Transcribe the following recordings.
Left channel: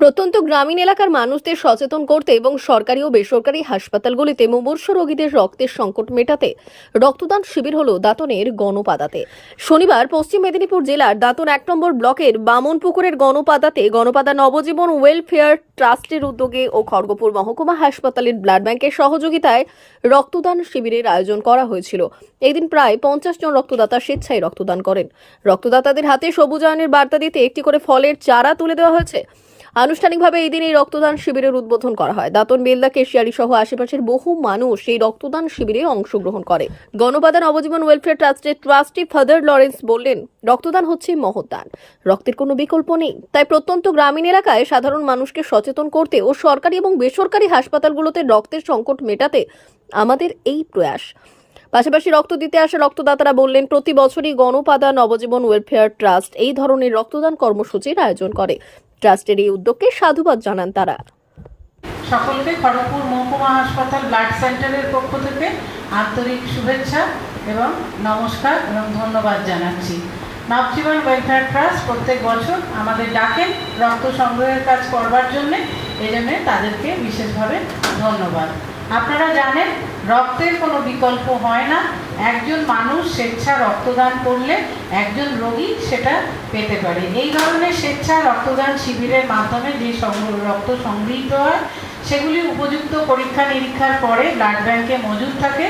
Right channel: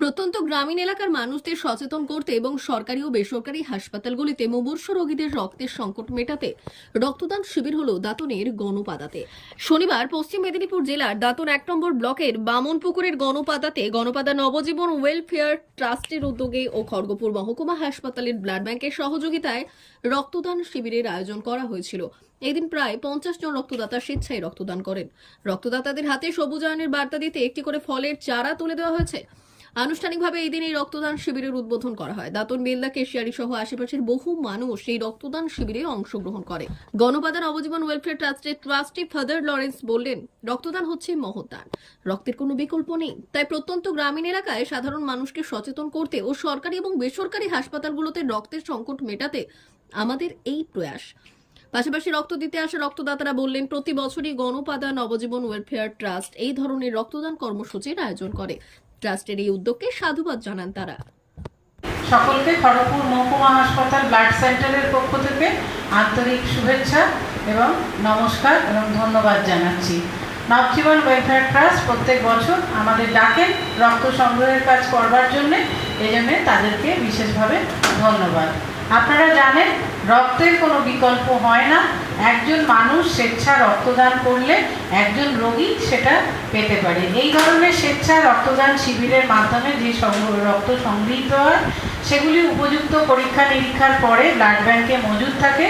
প্রত্যন্ত গ্রামীণ এলাকার মানুষদের সচেতন করতে এবং সরকারি ও বেসরকারি হাসপাতালগুলিতে মুমূর্ষ রোগীদের রক্তের সংকট মেটাতে রক্তদান শিবির হল দাঁতনের গণপাদাতে শনিবার পশ্চিম মেদিনীপুর জেলার দাঁতন এক নম্বর ব্লকের বামনপুকুরের গণপাদাতে গণপাদা নবজীবন ওয়েলফেয়ার ট্রাস্টের উদ্যোগে ও খড়গপুর মহকুমা হাসপাতালের ব্লাড ব্যাংকের সহযোগিতায় রক্তদান শিবিরের আয়োজন করা হয়েছিল। এদিন প্রায় পঞ্চাশ জন রক্তদাতা স্বেচ্ছায় রক্তদান করেন। রক্তদাতাদের হাতে সবুজায়নের বার্তা দিতে একটি করে ফলের চারা তুলে দেওয়া হয়েছে। আনুষ্ঠানিকভাবে এই দিন এই রক্তদান শিবিরের উদ্বোধন করা হয়। দাতন, বেলদা, কেশিয়ারি সহ আশেপাশের বহু মানুষ এই রক্তদান শিবিরে অংশগ্রহণ করে। গণপাদান অবজীবন ওয়েলফেয়ার ট্রাস্টের ট্রাস্টি ফাদার লরেন্স বললেন, রক্তদান হচ্ছে মহৎদান। রক্তের কোনো বিকল্প নেই। তাই প্রত্যন্ত গ্রামীণ এলাকায় সাধারণ মানুষকে সচেতন করতে ও সরকারি এবং বেসরকারি হাসপাতালগুলোতে রক্তের সংকট মেটাতে আমাদের এই প্রয়াস। পাশাপাশি রক্ত দিতে আসা রক্তদাতারা বললেন, প্রতি বছরই গণপাদান নবজীবন ওয়েলফেয়ার ট্রাস্ট এই ধরনের রক্তদান কর্মসূচির আয়োজন করে। ট্রাস্টের এই উদ্যোগকে সাধুবাদ জানান তারা। সকলকে খড়গপুর মহকুমা হাসপাতাল ব্লাড সেন্টারের পক্ষ থেকে আন্তরিক শুভেচ্ছা এবং নমস্কার এবং ধন্যবাদ জানাচ্ছি। নবজীবন ওয়েলফেয়ার ট্রাস্ট প্রত্যেক বছর আমাদের ডাকেন রক্ত সংগ্রহের কাজ করবার জন্যে এই জন্যে তাদেরকে বিশেষভাবে ধন্যবাদ। আপনারা জানেন রক্তের কোনো বিকল্প হয় না। একজন মানুষ স্বেচ্ছা রক্তদান করলে একজন রোগী সেটা পেতে পারে। এই ধরনের স্বেচ্ছা রক্তদান শিবিরের মাধ্যমে যে রক্ত সংগৃহীত হয় সেগুলি উপযুক্ত পরীক্ষা নিরীক্ষার পরে ব্লাড ব্যাংকে মজুদ থাকে।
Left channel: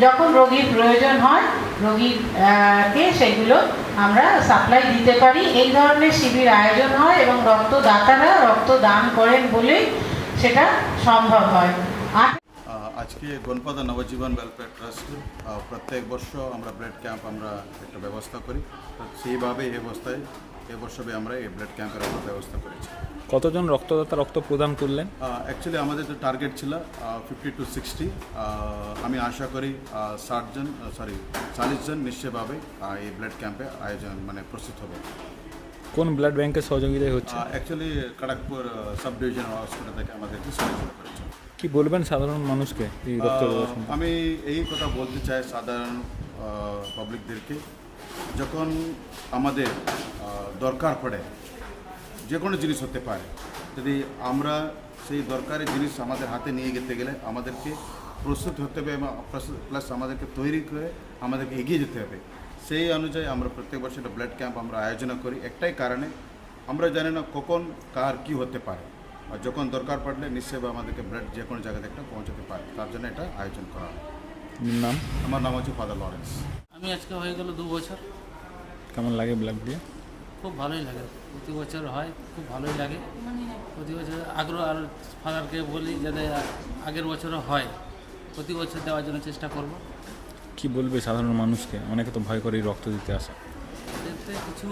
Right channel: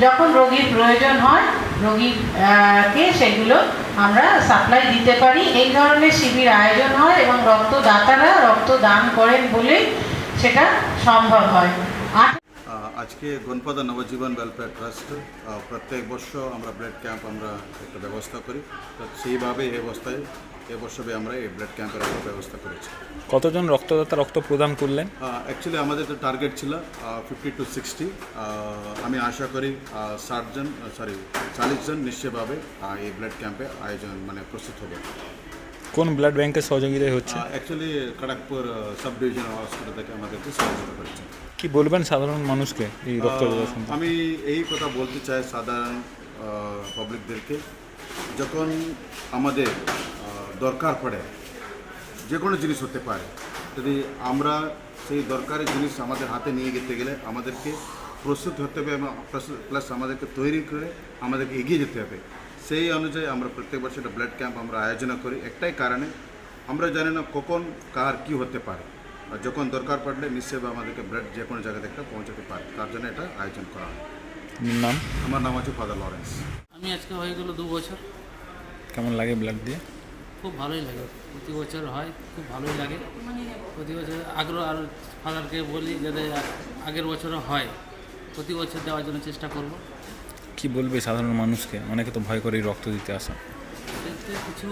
যখন রোগীর প্রয়োজন হয় রোগীকে সেগুলো আমরা সাপ্লাই দিতে পারি। এই ধরনের শিবির আয়োজন হয় এবং রক্তদাতারা রক্ত দান করেন বলেই সেটা সম্ভব হয়। আহ, আজকে গণপদা নবজীবন ওয়েলফেয়ার ট্রাস্ট প্রত্যেক বর্ষ আমরা ব্লাড ক্যাম্প আমরা একটা ব্যবস্থা করি। তো সেইভাবে এই অবস্থায় এবছরে আমরা এই ব্লাড ক্যাম্পের একটা ব্যবস্থা করেছি। কতজন রক্তদাতা রক্ত প্রদান করলেন? অ্যাকচুয়ালি আমাদের তো টার্গেট ছিল ফিফটি টু সিক্সটি আমি আশা করি ষাট জন সরি চালিশ জন নিশ্চয়ভাবে এই ব্লাড ক্যাম্পে আয়োজন মানে প্রস্তুত হবে। কোন ব্লাড ব্যাংকের সহযোগিতায় হচ্ছে? Actually Kharagpur subdivision hospital থেকে আমাদেরকে সহযোগিতা করেছে। কি বলবেন সাধারণ মানুষকে এই সম্পর্কে? আমি এই কথা বলতে চাই সাধারণ পাবলিকদেরকে যখন আমাদের দরকার পড়ে যে কোনো জিনিস হতে পারে যদি আমরা সেই দরকারি জিনিস আমাদের হাতে নিয়ে যেতে গেলে আমাদেরকে প্রস্তুত হতে হবে এবং প্লাস আমাদেরকে তৈরি করে আমাদেরকে এগিয়ে যেতে হবে। সেই অনুযায়ী আমরা প্রত্যেক বছর একটা ব্লাড ক্যাম্প আমরা আয়োজন করি। একটাই কারণে আমরা জানি না কখন কার কি হতে পারে। আর যখন দরকার পড়লে নিশ্চয়ই আমাদেরকে ব্লাড যে কোনো জায়গা থেকে পৌঁছাতে পারে। তার জন্য এটা আয়োজন করা হয়। নাম? আমার নাম হচ্ছে ফাদার লরেন্স। আমি আজকে হয়ে গেল দু বছর। কেমন লাগে ব্লাড দিয়ে? খুব ভালোই লাগে। প্রতি বছর হয় খুব ভালোই লাগে। প্রতি বছর আগ্রহ আর ফাদারকে বলি যাতে আগের বছরও হয়। প্রতি বছর দেওয়ার জন্য চেষ্টা করব। কি বলবে সাধারণ মানুষকে? অনেকে তো ভয় করে রক্ত দিতে আসা। কিছু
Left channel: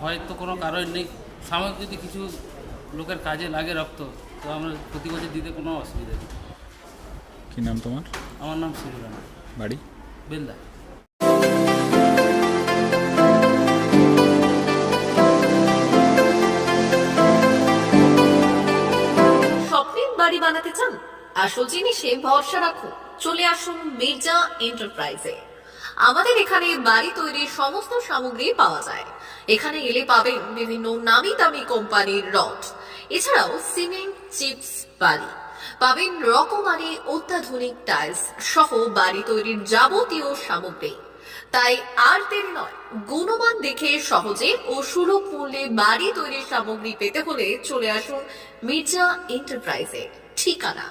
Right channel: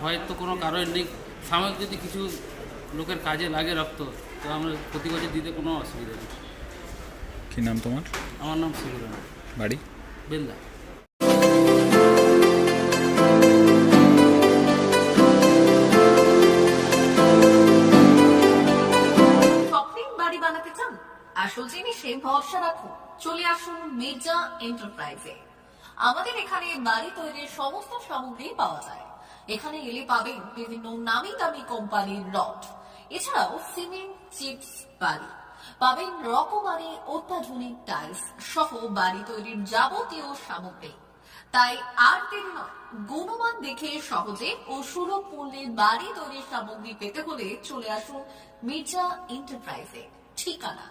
ভয় তো কোনো কারণ নেই। সাময়িক যদি কিছু লোকের কাজে লাগে রক্ত তো আমরা প্রতি বছর দিতে কোনো অসুবিধা নেই। কি নাম তোমার? আমার নাম শিবরাম বাড়ি? বেলদা। আসল জিনিসে ভরসা রাখুন চলে আসুন মির্জা এন্টারপ্রাইজে। আমাদের এখানে বাড়ি তৈরির সমস্ত সামগ্রী পাওয়া যায়। এখানে এলে পাবেন বিভিন্ন নামি দামি কোম্পানির রড। এছাড়াও সিমেন্ট, চিপস বাড়ি পাবেন রকমারি, অত্যাধুনিক টাইলস সহ বাড়ি তৈরির যাবতীয় সামগ্রী। তাই আর দেরি নয়, গুণমান দেখে সহজে ও সুলভ মূল্যে বাড়ি তৈরির সামগ্রী পেতে হলে চলে আসুন মির্জা এন্টারপ্রাইজে। ঠিকানা?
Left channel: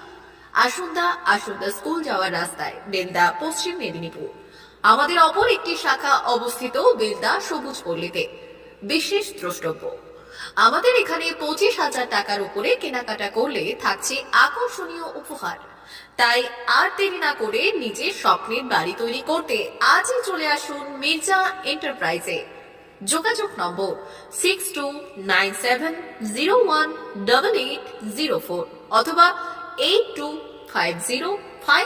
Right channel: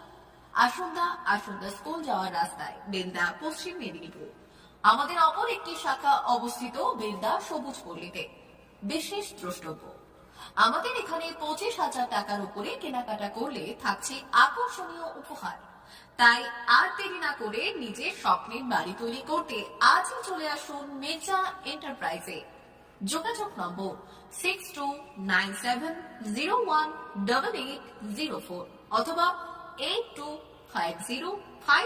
আসুন্দা আসুন্দা স্কুল যাওয়ার রাস্তায়, বেলদা, পশ্চিম মেদিনীপুর। আমাদের অপর একটি শাখা অবস্থিত বেলদা সবুজ পল্লীতে। বিশেষ দ্রষ্টব্য, আমাদের এখানে পঁচিশ হাজার টাকার উপরে কেনাকাটা করলে থাকছে আকর্ষণীয় উপহার। তাই আর দেরি না করে নিজের স্বপ্নের বাড়ি তৈরি করতে আজই চলে আসুন মির্জা এন্টারপ্রাইজে। যোগাযোগ number six two nine seven zero one double eight zero four অথবা eight two Pie, zero pie.